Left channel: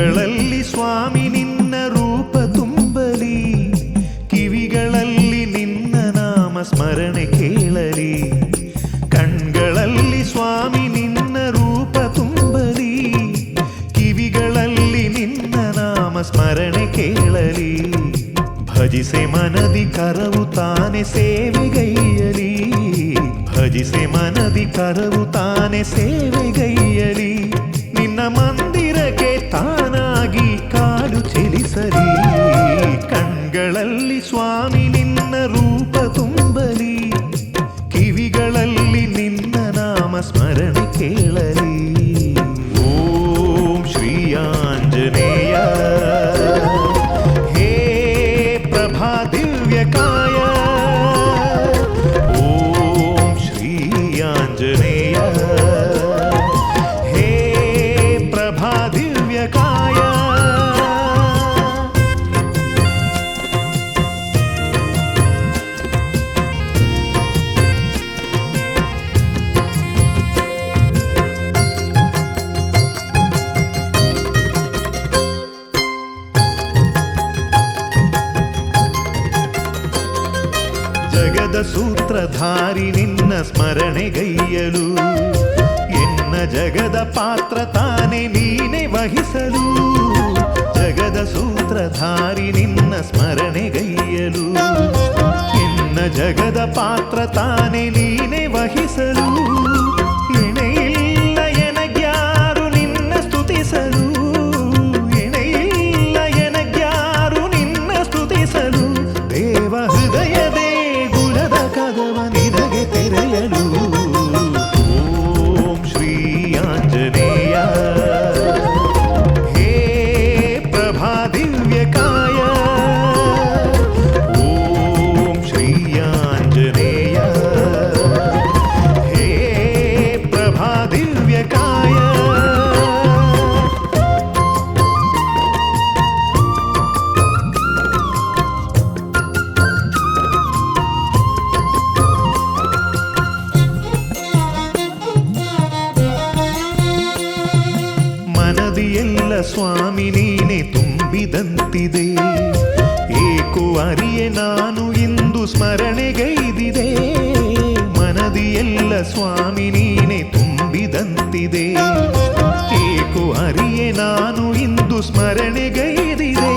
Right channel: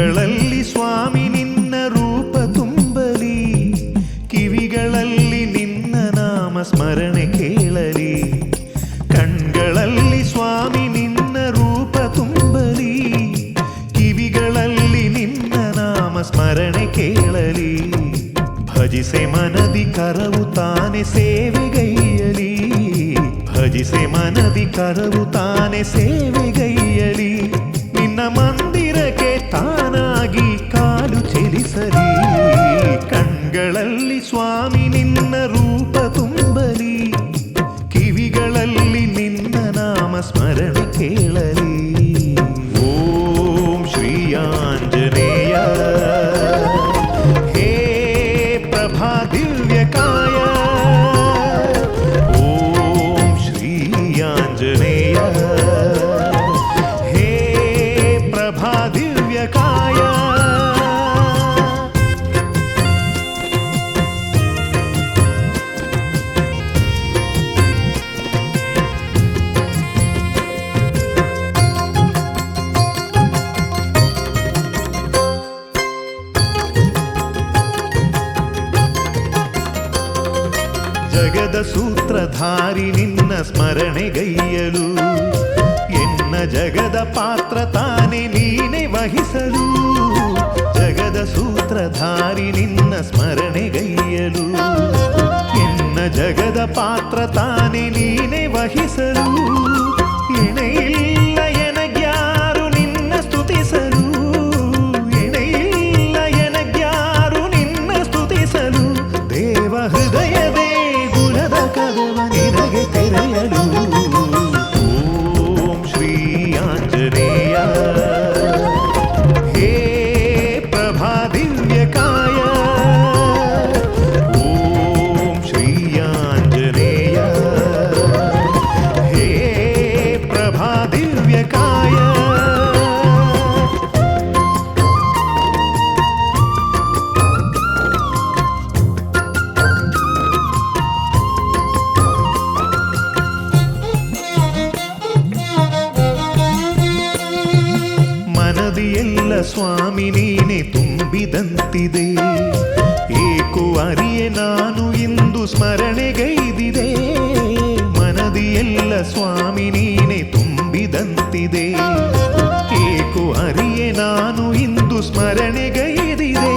ಕಣ್ಗಳಲ್ಲಿ ಸ್ವಾಮಿ ನಿನ್ನ ರೂಪ ತುಂಬಲಿ, ಕಿವಿಗಳಲ್ಲಿ ನಿನ್ನ ನಾಮ ಸ್ಮರಣೆ ಕೇಳಲಿ. ಕಣ್ಗಳಲ್ಲಿ ಸ್ವಾಮಿ ನಿನ್ನ ರೂಪ ತುಂಬಲಿ, ಕಿವಿಗಳಲ್ಲಿ ನಿನ್ನ ನಾಮ ಸ್ಮರಣೆ ಕೇಳಲಿ. ಭಜಿಸೆ ಮನದಿ ಕರವು ತಾನೆ ಸೇವೆಗೈಯಲಿ, ಭಜಿಸೆ ಮನದಿ ಕರವು ತಾನೆ ಸೇವೆಗೈಯಲಿ. ನಿನ್ನ ಮಂದಿರಕ್ಕೆ ತಾನಾಗಿ ಕಾಲು ಚಲಿಸಲಿ. ಕಣ್ಗಳಲ್ಲಿ ಸ್ವಾಮಿ ನಿನ್ನ ರೂಪ ತುಂಬಲಿ, ಕಿವಿಗಳಲ್ಲಿ ನಿನ್ನ ನಾಮ ಸ್ಮರಣೆ ಕೇಳಲಿ. ಓಂ ಶ್ರೀ ಆಂಜನೇಯ ಹೇ ಪ್ರಭಾ ದಿವ್ಯಕಾಯ. ಓಂ ಶ್ರೀ ಆಂಜನೇಯ ಹೇ ಪ್ರಭಾ ದಿವ್ಯಕಾಯ. ಜಗದ ಸೂತ್ರಧಾರಿ ನಿನ್ನ ಸ್ಮರಣೆಗೈಯಲು, ಎನ್ನ ಜಗದ ಪಾತ್ರ ತಾನೆ ನೀನೆ ವಹಿಸಲು. ಜಗದ ಸೂತ್ರಧಾರಿ ನಿನ್ನ ಸ್ಮರಣೆಗೈಯಲು, ಎನ್ನ ಜಗದ ಪಾತ್ರ ತಾನೆ ನೀನೆ ವಹಿಸಲು. ಎಣೆಯಿಲ್ಲ ಎನಗ್ಯಾರು ನಿನ್ನ ಸ್ತುತಿಸಲು, ಎಣೆಯಿಲ್ಲ ಎನಗ್ಯಾರು ನಿನ್ನ ಸ್ತುತಿಸಲು. ದೇವ ಹೃದಯದೇ ಗುಣದ ಕದವ ನಿನಗೆ ತೆರೆಯಲು. ಓಂ ಶ್ರೀ ಆಂಜನೇಯ ಹೇ ಪ್ರಭಾ ದಿವ್ಯಕಾಯ. ಓಂ ಶ್ರೀ ಆಂಜನೇಯ ಹೇ ಪ್ರಭಾ ದಿವ್ಯಕಾಯ. ಮನದಿಯೆಲ್ಲ ಸ್ವಾಮಿ ನೀನೆ ತುಂಬಿದಂತಿದೆ, ಏಕೋ ಅರಿಯೆ ನಾನು ಇಂದು ಸ್ಮರಣೆಗೈದಿದೆ. ಮನದಿಯೆಲ್ಲ ಸ್ವಾಮಿ ನೀನೆ ತುಂಬಿದಂತಿದೆ, ಏಕೋ ಅರಿಯೆ ನಾನು ಇಂದು ಸ್ಮರಣೆಗೈದಿದೆ.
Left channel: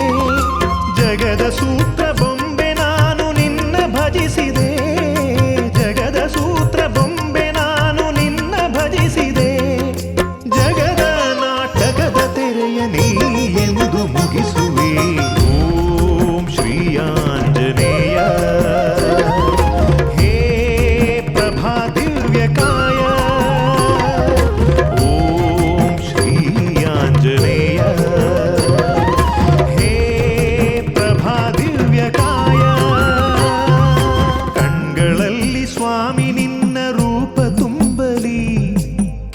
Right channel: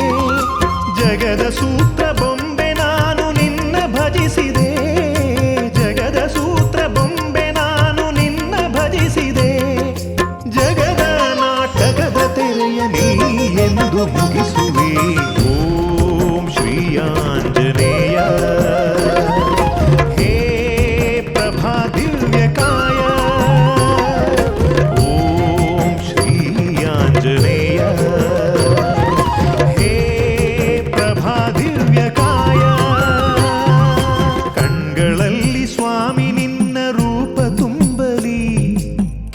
ಜಗದ ಸೂತ್ರ ಬೊಂಬೆ ನಾನು ನಿನ್ನ ಭಜಿಸಿದೆ, ಜಗದ ಸೂತ್ರ ಬೊಂಬೆ ನಾನು ನಿನ್ನ ಭಜಿಸಿದೆ. ಜಗದ ನಾಟಕದ ತೆರೆಯ ನೀ ಎಂದು ಮುಗಿಸುವೆ. ಓಂ ಶ್ರೀ ಆಂಜನೇಯ ಹೇ ಪ್ರಭಾ ದಿವ್ಯಕಾಯ. ಓಂ ಶ್ರೀ ಆಂಜನೇಯ ಹೇ ಪ್ರಭಾ ದಿವ್ಯಕಾಯ. ಕಣ್ಗಳಲ್ಲಿ ಸ್ವಾಮಿ ನಿನ್ನ ರೂಪ ತುಂಬಲಿ,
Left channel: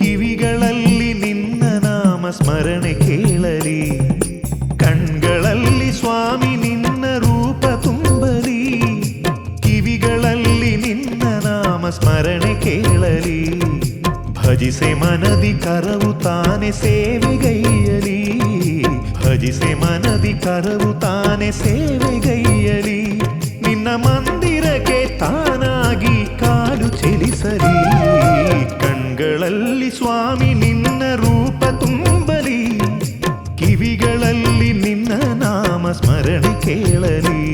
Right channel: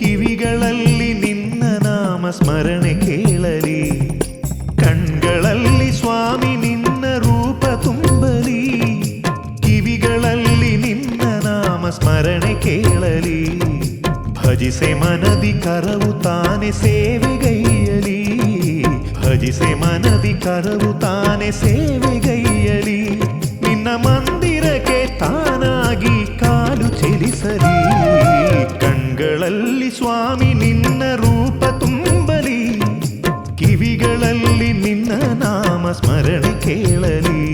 ಕಿವಿಗಳಲ್ಲಿ ನಿನ್ನ ನಾಮ ಸ್ಮರಣೆ ಕೇಳಲಿ. ಕಣ್ಗಳಲ್ಲಿ ಸ್ವಾಮಿ ನಿನ್ನ ರೂಪ ತುಂಬಲಿ, ಕಿವಿಗಳಲ್ಲಿ ನಿನ್ನ ನಾಮ ಸ್ಮರಣೆ ಕೇಳಲಿ. ಭಜಿಸೆ ಮನದಿ ಕರವು ತಾನೆ ಸೇವೆಗೈಯಲಿ, ಭಜಿಸೆ ಮನದಿ ಕರವು ತಾನೆ ಸೇವೆಗೈಯಲಿ. ನಿನ್ನ ಮಂದಿರಕ್ಕೆ ತಾನಾಗಿ ಕಾಲು ಚಲಿಸಲಿ. ಕಣ್ಗಳಲ್ಲಿ ಸ್ವಾಮಿ ನಿನ್ನ ರೂಪ ತುಂಬಲಿ, ಕಿವಿಗಳಲ್ಲಿ ನಿನ್ನ ನಾಮ ಸ್ಮರಣೆ ಕೇಳಲಿ.